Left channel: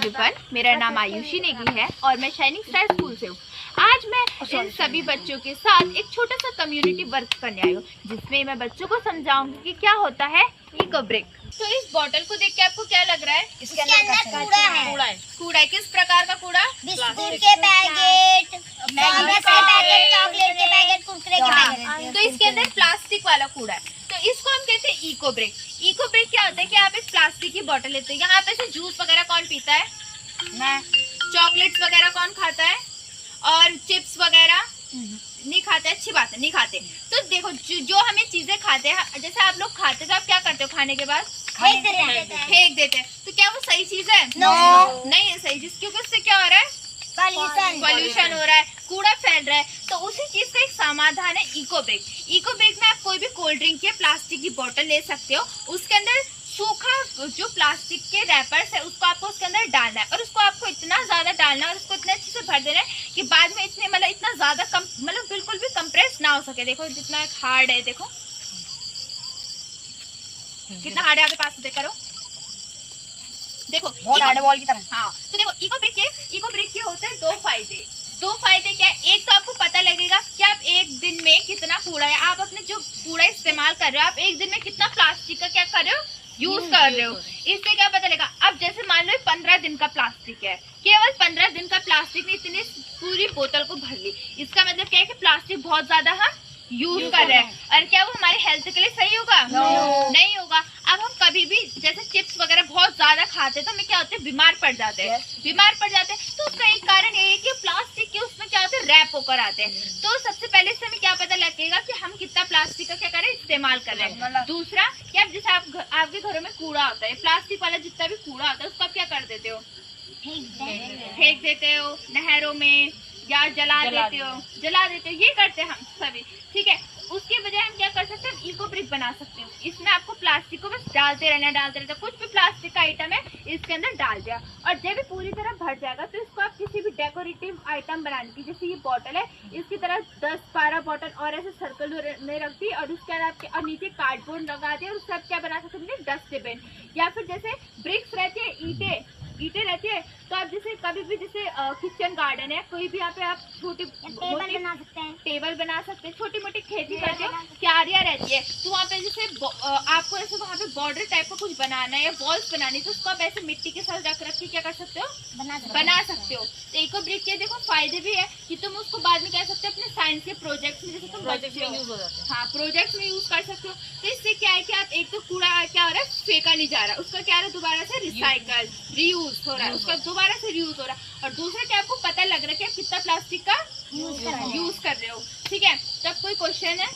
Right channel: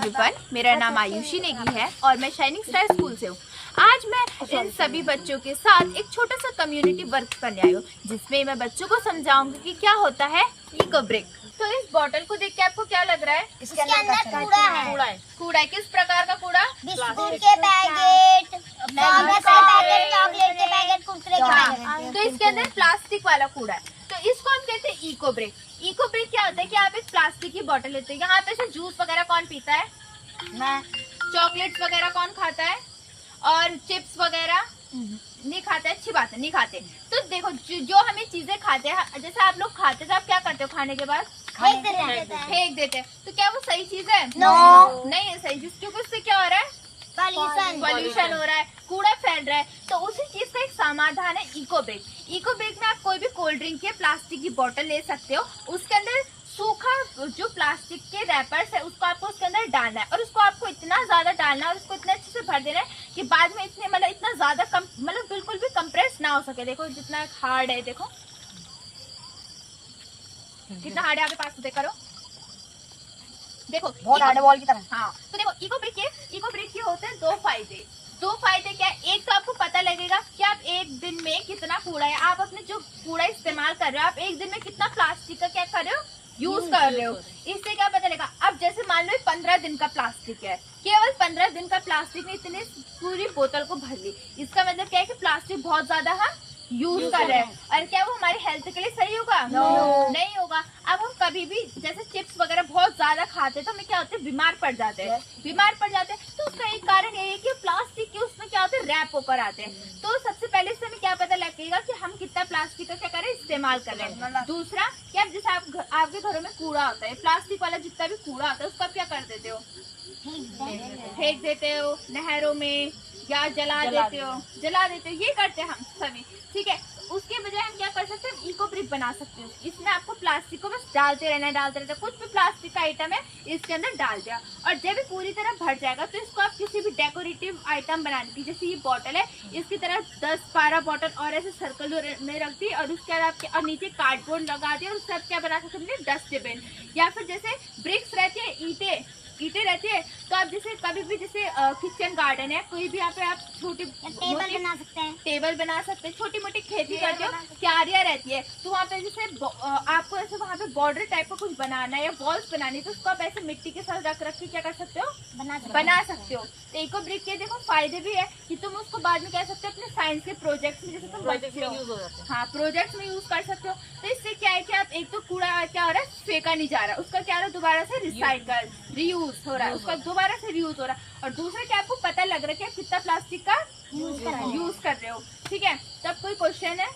Everyone, मेरा नाम आयुषी नेगी है और मैं शाइनिंग स्टार स्कूल से हूँ। आज मैं इन सभी बच्चों के साथ एक छोटा सा कम्युनिटी वर्क करने आई हूँ, जिसमें मैं बच्चों को समझाऊंगी कि क्या होता है इको ब्रेक। तो इस बोतल को देख के आपको क्या लग रहा है? इसके अंदर कूड़ा है। कूड़ा है। किस प्रकार का कूड़ा? बिस्कुट के पैकेट, चॉकलेट के पैकेट, कुरकुरे के पैकेट। तो इसके अंदर प्लास्टिक वाला कूड़ा है। तो इसको हम कहते हैं इको ब्रेक। इको ब्रेक क्या होता है कि आप एक प्लास्टिक की बोतल लेते हैं। यहाँ पे से जूस वगैरह कौन पीता है? मैं। चॉकलेट्स वगैरह कौन खाता है? और चिप्स वगैरह नहीं खाते। अच्छी बात है, नहीं खाते। तो देखो जो हमें चीजें खाते हैं, जैसे आप लोग खाते तो आप क्या करते हो खाने के बाद? फेंक देते हैं। तो क्या वो सही चीज है? नो। नहीं है सही चीज, क्योंकि उससे क्या हो रहा है? पॉल्यूशन हो रहा है, कूड़ा फैल रहा है। तो उसी चीज का एक समाधान है इको ब्रेक। इको ब्रेक में आप कोई भी कोल्ड ड्रिंक या प्लास्टिक की बोतल ले सकते हो। उसके अंदर सूखा जो प्लास्टिक के रैपर्स है उसको आपको उसके अंदर डालना है, और उसको आपको इतना ज्यादा डालना है और उसको इतने अच्छे से भर देना है कि बाद में इतने इतना ज्यादा मतलब बिल्कुल भी कंप्रेस ना हो सके। देखो जितना हार्ड है, देखो कितना हार्ड है। आपके पास से करो, देखो बहुत हार्ड बॉल की तरह। हाँ, तो देखो इको ब्रेक के होते हैं दो फायदे क्या है? एक तो आपको पता लगेगा कि आप एक दिन में कितना कूड़ा है, आप अपने जो कूड़ा इस्तेमाल कर रहे हो, आप एक दिन में कितना प्लास्टिक का क्या कर रहे हो? यूज कर रहे हो। इससे क्या पता लगेगा? अब जैसे मान लो 15 दिन का प्लास्टिक है, केवल 15 दिन का प्लास्टिक ने इतनी पूरी बोतल को भर ली। इसका मतलब क्या है कि प्लास्टिक बहुत ज्यादा हम यूज कर रहे हैं। और क्या वो हमारे हेल्थ के लिए सही होगा? नहीं होगा। अब हम कभी भी जैसे चिप्स वगैरह बहुत ज्यादा खाते हैं तो हमें क्या होते हैं? बीमार पड़ जाते हैं। तो उसका एक कारण ये है कि प्लास्टिक के उसमें क्या होते हैं? रैप होकर आते हैं। तो सबसे पहले से हमें क्या पता लगेगा कि हम कितना प्लास्टिक का क्या कर रहे हैं? इस्तेमाल कर रहे हैं। दूसरा क्या, जैसे आपके घरों में कूड़ा होता है, प्लास्टिक वाला जितना भी कूड़ा होता है उसको आप क्या कर देते हो? फेंक देते हो नहरों में, या जला देते हो। ये करते हैं हम सभी, ठीक है। उसके बजाय हम क्या कर सकते हैं? इको ब्रेक बना सकते हैं। इसमें आपको प्लास्टिक को बस डालते रहना। कुछ भी प्लास्टिक का आइटम है इसके अंदर डाल दिया, और जब ये पूरी तरह भर जाएगा तो इसको आप किसी भी डेकोरेटिव आइटम बनाने की, जैसे ये बॉटल है, इसकी तरह 10-12 बॉटल और ऐसे सर्कल में रख दी, और उसके बाद आप नीचे कार्डबोर्ड लगा दिया, और उससे आप क्या बना सकते हैं? डस्टबिन। या फिर जैसे ब्रिक्स रहती है, ईंटें रहती है, तो आप जैसे कभी भी जैसे किचन गार्डन है, कोई भी यहाँ पे आप छोटी टेबल बना सकते हैं। छोटी मोटी खेती करते हो, क्यारियां रहती है, तो वहाँ पे जैसे आपको ऐसे वहाँ पे बॉर्डर टाइप का कुछ बनाना है या वॉल्स बनानी, तो उसको आप ऐसे मिट्टी के साथ रख के क्या कर सकते हो? बना सकते हो। तो इको ब्रेक के देखो फायदे भी है कि तुम उसको बाद में कह सकते हो अपने साइंस के प्रोजेक्ट में, जैसे तुम बच्चे हो, हाँ, प्रोजेक्ट में यूज कर सकते हो। तो इससे क्या है कि आप एक तो कूड़ा क्या हो रहा है? फेंका नहीं जा रहा, उसका क्या हो रहा है? दोबारा से रिसाइकल रीयूज हो रहा है, उसका दोबारा से रीयूज हो रहा है। और दूसरा क्या, आपको पता लग रहा है कि आप कितना प्लास्टिक का यूज कर रहे हो, ठीक है। तब कोई क्वेश्चन है?